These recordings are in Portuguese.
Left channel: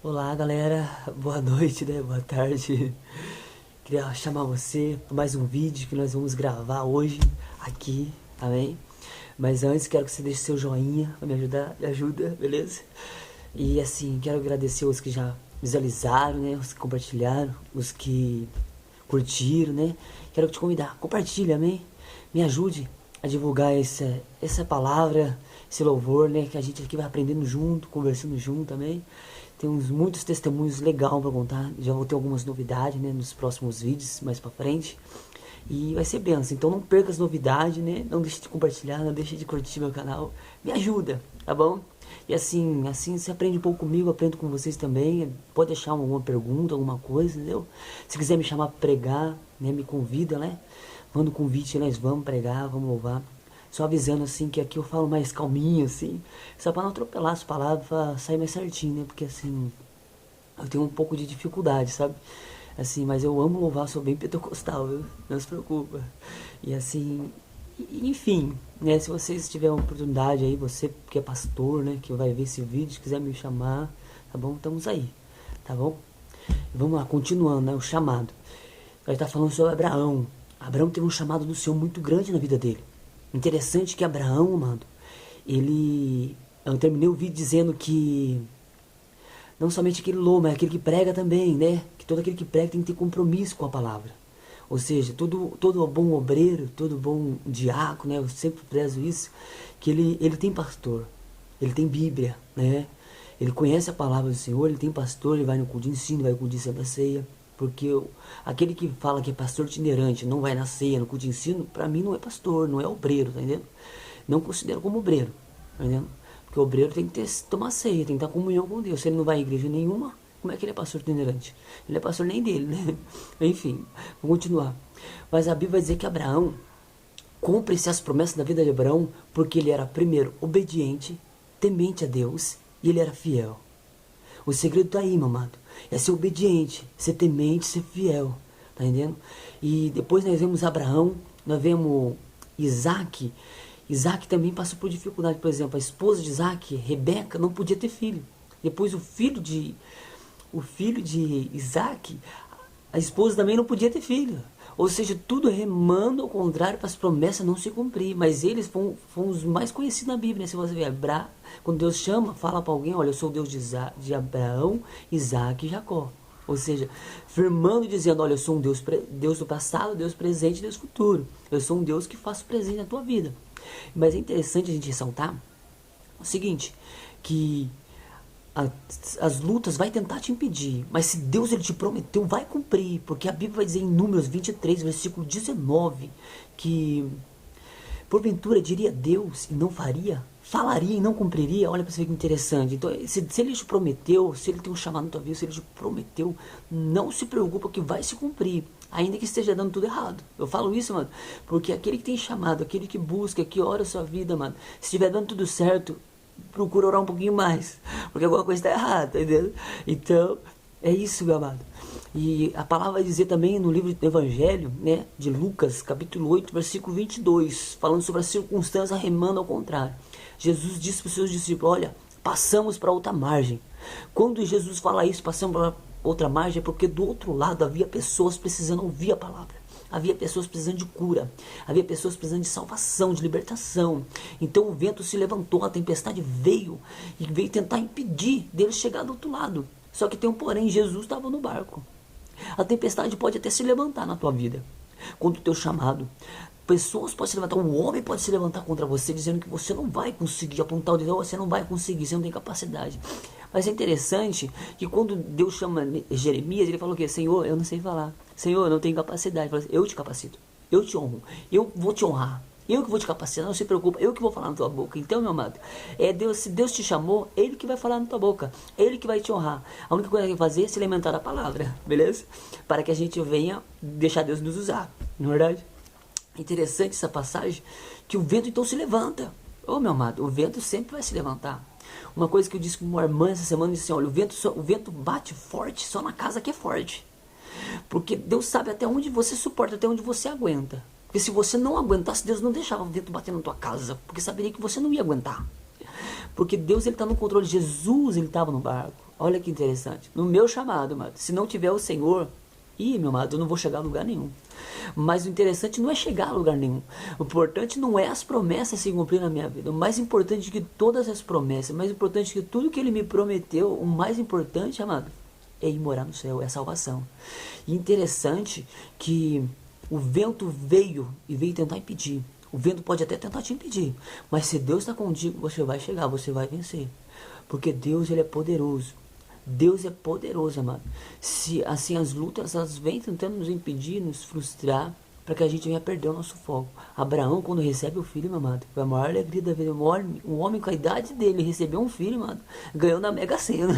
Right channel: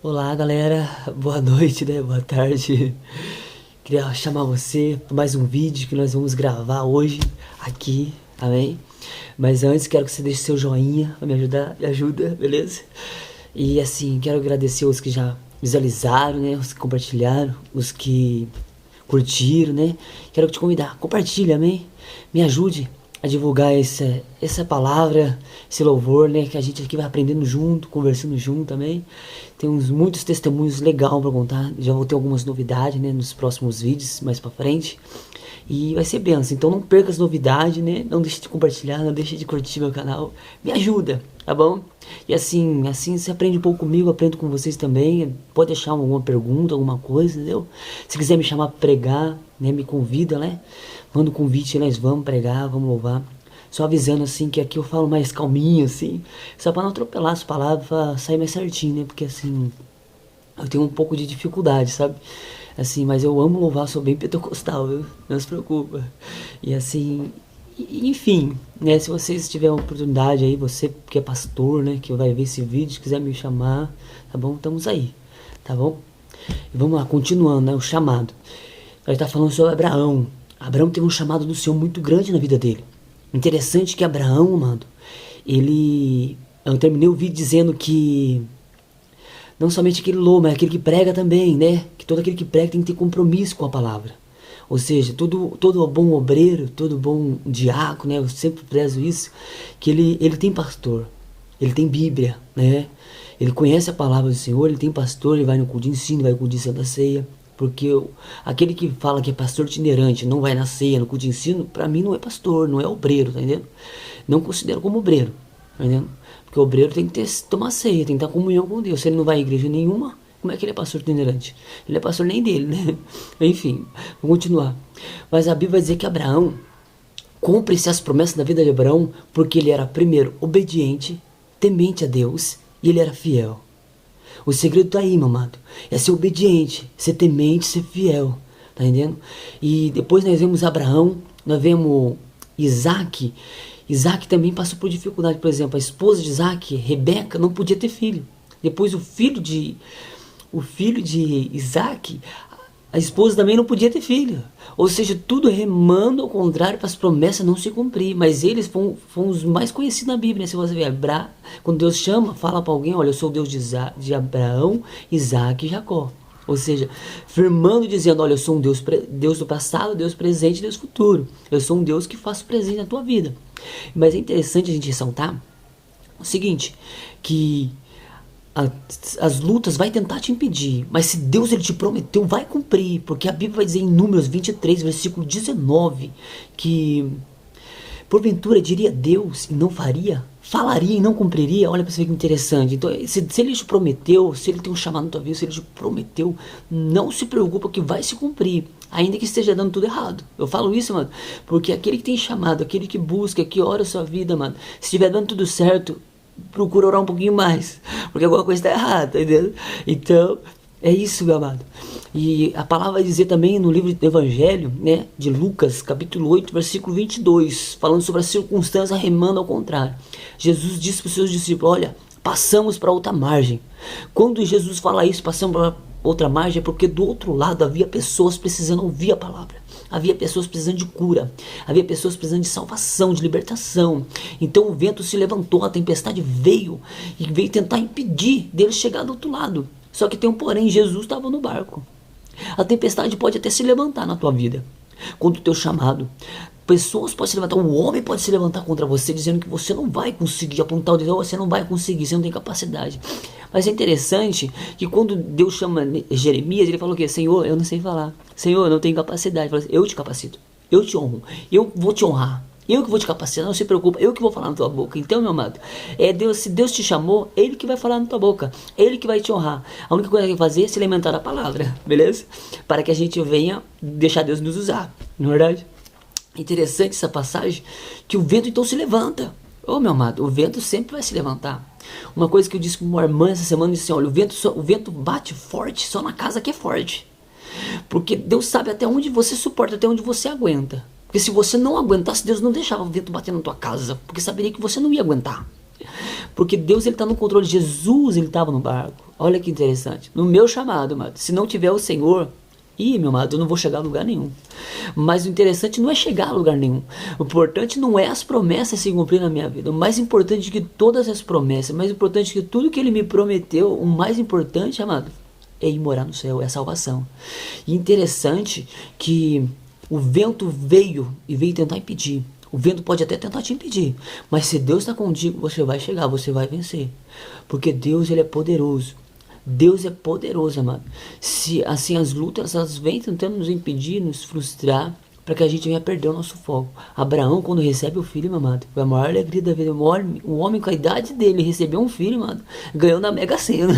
Olá galera, boa noite, né? Boa tarde. Queria chamar você para mais um vídeo que nós vamos gravar hoje aqui, amém? Mas antes quero que você deixe seu joinha para me ajudar, me ajuda, beleza? E assim, quero agradecer os que já visualizaram, né? Os que compartilharam, os que curtiram, né? Quero te convidar, compartilha, amém? Me ajude a divulgar essa palavra, esse louvor, né? Que a gente aqui vai aprendendo junto, conversando junto também. Tem muitos testemunhos legais para contar. Já vou ter algumas novidades, né? Nos próximos vídeos, mais para frente. E vai ser benção. Então não perca as novidades, né? Não deixe de compartilhar, não deixe de curtir meu canal. Me ajuda, tá bom? E assim você aprende um pouco comigo, aprendo com vocês também. Pode deixar alguma pergunta, alguma coisa, entendeu? Se quiser me chamar para pregar, né? Me convida, né? Manda um convite, nós vamos pregar, vamos louvar. Só avisando assim que aqui eu falo mais calminho, assim. Só para não atropelar as palavras, pra sair mais certinho, né? Porque assim, eu tenho um pouco de dificuldade, sabe? Assim, mas eu amo louvar, sou bem pentecostal, viu? Não se preocupa. E assim, enfim, né? Se vocês tiverem uma oportunidade aí, você que é pastor, né? Que vai ver esse vídeo, quiser me chamar, tá bom? Estamos aí, tá bom? E vamos lá, continuando, né? O chamado. Nós está falando sobre Abraão. Abraão teve um chamado do Senhor muito grande na vida dele. Interessante que Abraão, mano, ele... Eu terminei o vídeo dizendo que não somente aquele louco, mas aquele que prega também, né? Que todo aquele que prega tem que ter compromisso com a palavra. Ou seja, todo bom obreiro, todo bom diácono, né? Eu sempre prezo isso, que ele tem pastor, ele tem Bíblia, né? Ele conhece a palavra do Senhor, ele tem pastor, ele vai no culto de ensino, vai no culto de Santa Ceia. Porque aquele que fala que é pastor itinerante, não vai na ceia, no culto de ensino, pra mim não é pastor, não é obreiro, tá entendendo? Não considero como obreiro, tá entendendo? Porque o obreiro tem que tomar ceia, tem que ter comunhão com Deus. Se ele não vai à igreja nenhuma, como é que ele é pastor itinerante? Ele é pastor nem dele, né? Enfim, vamos continuar. Mas a Bíblia vai dizer que Abraão cumpre-se as promessas da vida de Abraão porque ele era, primeiro, obediente, temente a Deus e ele era fiel. O segredo tá aí, meu amado. É ser obediente, ser temente, ser fiel. Tá entendendo? E depois nós vemos Abraão, nós vemos Isaac. Isaac também passou por dificuldade. Por exemplo, a esposa de Isaac, Rebeca, não podia ter filho. Depois o filho de Isaac, a esposa também não podia ter filho. Ou seja, tudo remando ao contrário para as promessas não se cumprir. Mas eles foram os mais conhecidos na Bíblia. Né? Se você ver, quando Deus chama, fala para alguém: olha, eu sou o Deus de Abraão, Isaac e Jacó. Ou seja, firmando e dizendo: olha, eu sou um Deus do passado, Deus presente e Deus futuro. Eu sou um Deus que faço presente na tua vida. Mas é interessante a gente ressaltar o seguinte: que as lutas vai tentar te impedir, mas se Deus ele te prometeu, vai cumprir, porque a Bíblia vai dizer em Números 23, versículo 19, que porventura diria Deus e não faria, falaria e não cumpriria. Olha para você ver que interessante. Então, se ele te prometeu, se ele tem um chamado na tua vida, se ele te prometeu, não se preocupa que vai se cumprir, ainda que esteja dando tudo errado. Eu falo isso, mano, porque aquele que tem chamado, aquele que busca, que ora a sua vida, mano, se estiver dando tudo certo, procura orar um pouquinho mais, porque alguma coisa está errada, entendeu? Então, é isso, meu amado. E a palavra vai dizer também no livro do Evangelho, né, de Lucas, capítulo 8, versículo 22, falando sobre a circunstância remando ao contrário. Jesus disse para os seus discípulos: olha, passamos para outra margem. Quando Jesus fala isso, passamos para outra margem, é porque do outro lado havia pessoas precisando ouvir a palavra. Havia pessoas precisando de cura, havia pessoas precisando de salvação, de libertação. Então o vento se levantou, a tempestade veio e veio tentar impedir dele chegar do outro lado. Só que tem um porém: Jesus estava no barco. A tempestade pode até se levantar na tua vida contra o teu chamado. Pessoas podem se levantar, um homem pode se levantar contra você dizendo que você não vai conseguir, apontar o dedo: você não vai conseguir, você não tem capacidade. Mas é interessante que quando Deus chama Jeremias, ele falou o quê? Senhor, eu não sei falar. Senhor, eu não tenho capacidade. Ele falou: eu te capacito, eu te honro, eu vou te honrar. Eu que vou te capacitar, não se preocupa, eu que vou falar na tua boca. Então, meu amado, se Deus te chamou, Ele que vai falar na tua boca, Ele que vai te honrar. A única coisa que vai fazer é se alimentar da palavra, beleza? Para que a gente venha deixar Deus nos usar, não é verdade? Interessante essa passagem, que o vento então se levanta. Oh, meu amado, o vento sempre vai se levantar. Uma coisa que eu disse para uma irmã essa semana, eu disse assim: olha, o vento bate forte só na casa que é forte. Porque Deus sabe até onde você suporta, até onde você aguenta. Porque se você não aguentasse, Deus não deixava o vento bater na tua casa, porque saberia que você não ia aguentar. Porque Deus ele está no controle. Jesus ele estava no barco. Olha que interessante. No meu chamado, amado, se não tiver o Senhor, meu amado, eu não vou chegar a lugar nenhum. Mas o interessante não é chegar a lugar nenhum. O importante não é as promessas se cumprir na minha vida. O mais importante que todas as promessas, o mais importante que tudo que ele me prometeu, o mais importante, amado, é ir morar no céu, é a salvação. E interessante que o vento veio e veio tentar impedir. O vento pode até tentar te impedir, mas se Deus está contigo, você vai chegar, você vai vencer. Porque Deus, ele é poderoso. Deus é poderoso, amado. Se assim as lutas elas vêm tentando nos impedir, nos frustrar, para que a gente venha perder o nosso foco. Abraão, quando recebe o filho, meu amado, foi a maior alegria da vida. Um homem com a idade dele recebeu um filho, amado, ganhou na Mega Sena.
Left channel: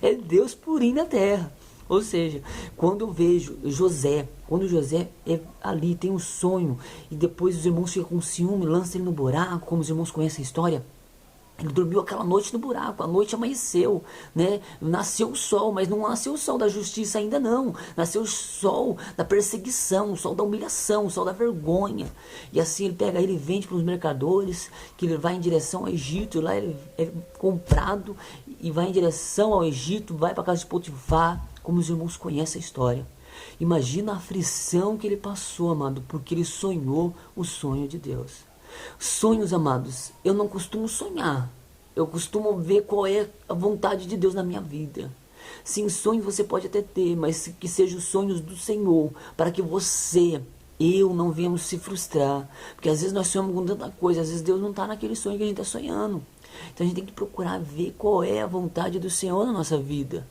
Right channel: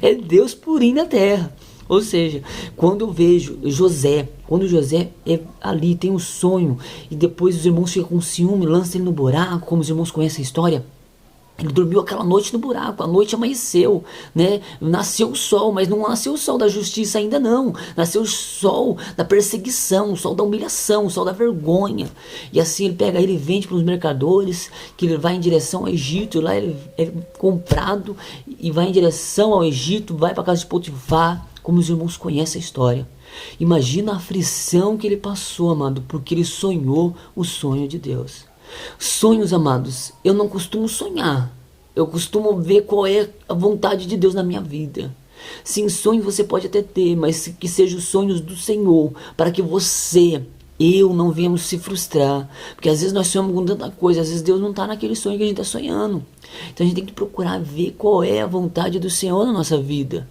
É Deus purinho na terra. Ou seja, quando eu vejo José, quando José é ali, tem um sonho, e depois os irmãos ficam com ciúme, lançam ele no buraco, como os irmãos conhecem a história. Ele dormiu aquela noite no buraco, a noite amanheceu, né? Nasceu o sol, mas não nasceu o sol da justiça ainda não. Nasceu o sol da perseguição, o sol da humilhação, o sol da vergonha. E assim ele pega, ele vende para os mercadores, que ele vai em direção ao Egito, e lá ele é comprado e vai em direção ao Egito, vai para a casa de Potifar, como os irmãos conhecem a história. Imagina a aflição que ele passou, amado, porque ele sonhou o sonho de Deus. Sonhos, amados, eu não costumo sonhar. Eu costumo ver qual é a vontade de Deus na minha vida. Sim, sonhos você pode até ter, mas que sejam os sonhos do Senhor, para que eu não venhamos se frustrar. Porque às vezes nós sonhamos com tanta coisa, às vezes Deus não está naquele sonho que a gente está sonhando. Então a gente tem que procurar ver qual é a vontade do Senhor na nossa vida.